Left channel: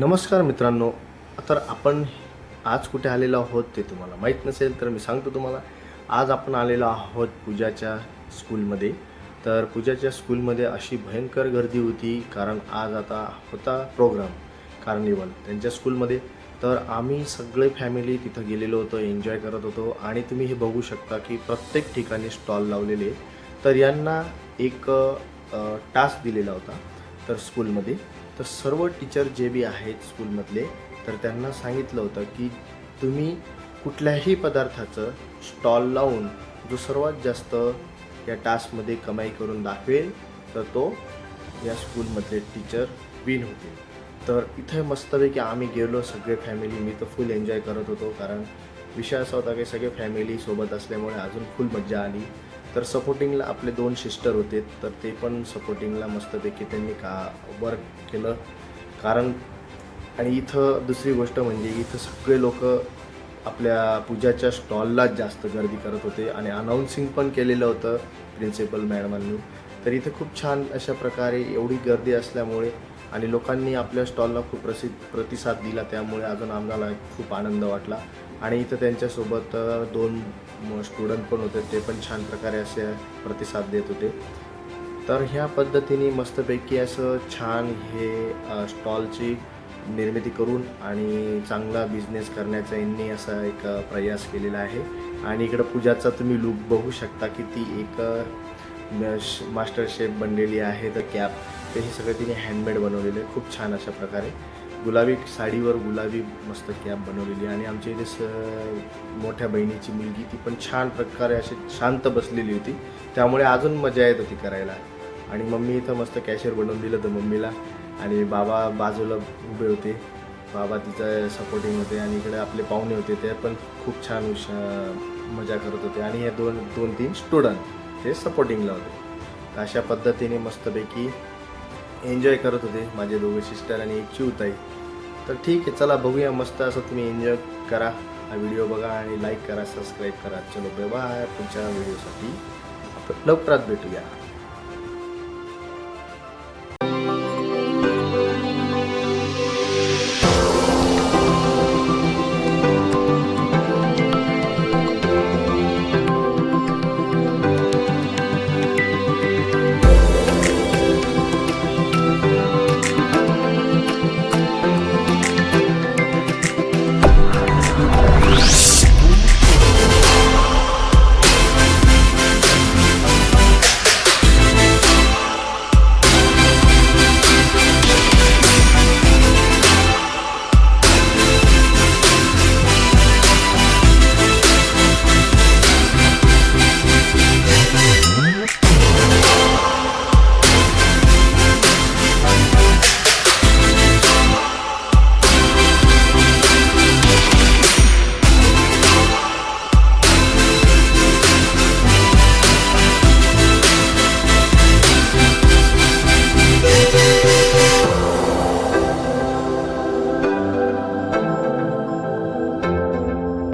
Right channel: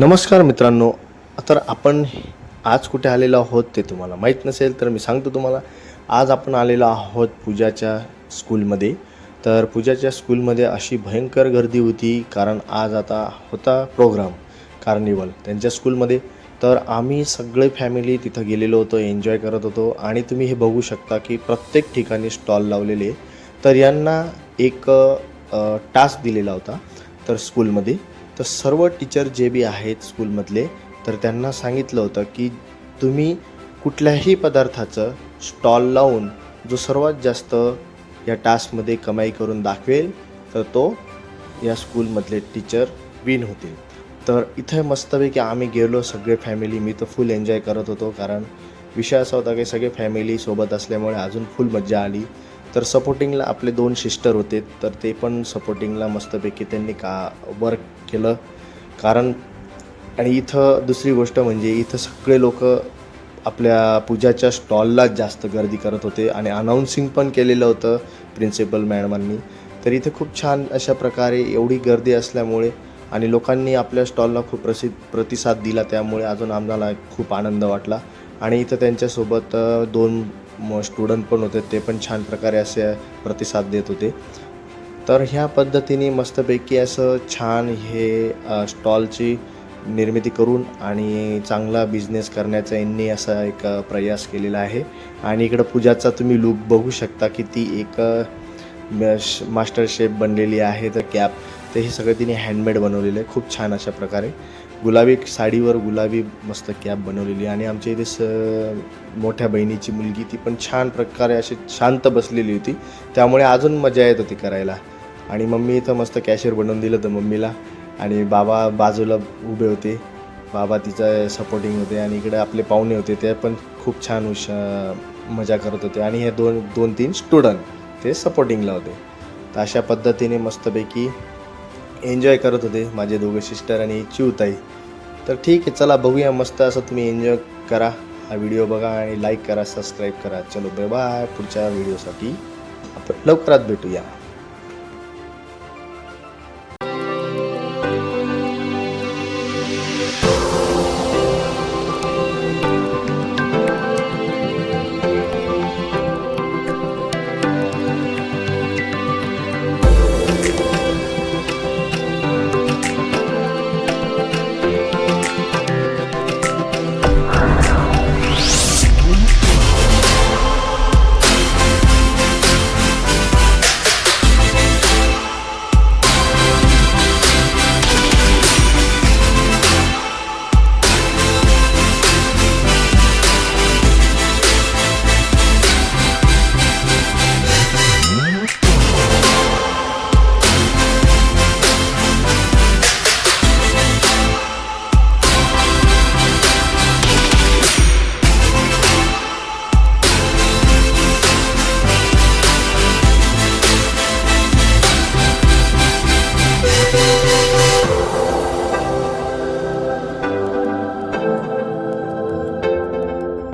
नमस्कार मित्रांनो. तर आपण आज कुठे आलेलो आहोत ते तुम्हाला माहीत नसेल तर मी सांगतो तुम्हाला. आज आपण आलेलो आहोत पूजाच्या स्कूलमध्ये. तर पूजाच्या स्कूलमध्ये अशी भयंकर गर्दी होती, कारण आज आता होता प्रोग्राम कार्निवल त्यांच्या स्कूलमध्ये. तर आम्ही सगळे फॅमिली तिथं गेलेलो होतो, एन्जॉय करत होतो. आणि तुम्ही हे बघू शकता की प्रत्येक ठिकाणी स्टॉल लावलेले. तर यांना एक टास्क दिलेला होता तर स्कूलमध्ये. तर सर्व टीचर जे बी आहेत स्कूलमधले, तर त्यांना सांगितलं होतं की तुम्ही कुठल्याही पदार्थाचं स्टॉल लावून जो सर्वात जास्त या टास्कमध्ये कमाई करून दाखवेल तर तो या स्कूलमधले टीचर विन होतील. तर इथे मस्तपैकी आम्ही गेलो सगळे फॅमिली. मी तर फुल एन्जॉय करत होतो, कारण विषय असा होता की सगळे फॅमिली सोबत असल्यामुळे अजून फुल मज्जा आली. तर सपोर्टिंगला आपले 2 सिस्टर होते, तर ते पण सपोर्टिंगला मस्तपैकी त्यांनी वर्क केलं. कारण आणि इथं दुसरी गोष्ट म्हणजे इथं सगळे लोक आपल्या पूजाच्या स्टॉललाच जास्त गर्दी करत होते आणि अनाऊन्सिंग पण केलेलं होतं प्रिन्सिपल मॅडमांनी. तर इथं खूप छान अशा प्रकारे एवढी गर्दी असल्यामुळे आणि लोकांनी आपल्या स्टॉलला खूप प्रतिसाद दिला, त्यामुळे अजून आम्हाला खूप आनंद वाटला. आणि इथं त्यांच्यासोबत 2 स्टुडंट पण होते, ते पण छान प्रकारे असे प्रतिसाद देत होते. तर ह्या पद्धतीने मस्तपैकी असं छान हे स्टॉलची निर्मिती करून आणि चांगला बिझनेस करण्याचा यांनी असा एक प्रयास केलेला आहे. आणि इकडं पूजाचा तुम्ही लूक बघू शकता की ती एक मास्टर शेफ बनलेली आहे. तर कॅप तर हे सगळं तिने हँडमेड बनवलेलं आहे खूप छान अशा प्रकारे. गुलाबी साडीवर गुलाबी मस्त कॅप बनवलेली. आणि आमच्या इथे मोठ्या बहिणीची मुलगी ती पण छान प्रकारे अशी शांत बसलेली होती, त्यामुळे अजून मजा येत होती करायला. आणि मम्मी इथं मस्त कॅशियर बनवून दिलं होतं मम्मीला. आणि बाबा बाजूला उभे होते, बाबा तिचं सपोर्टिंग होते. आणि इकडे आपले पाहुणे होते, ते पण खूप छान मजा करत होते. आणि हे 2-3 स्टुडंट ते सपोर्टिंगला होते. तर अशा पद्धतीने मस्तपैकी एन्जॉय करत होते माझे दोघे सिस्टर आणि चिवताई. तर ठीक आहे, चला बघूया. मस्त असं तुम्ही एन्जॉय करा, हा व्हिडिओ बघा आणि लाईक करा, सबस्क्राईब करा. चलो बाय बाय. पुढच्या व्हिडिओसाठी आपण लवकरात भेटूया.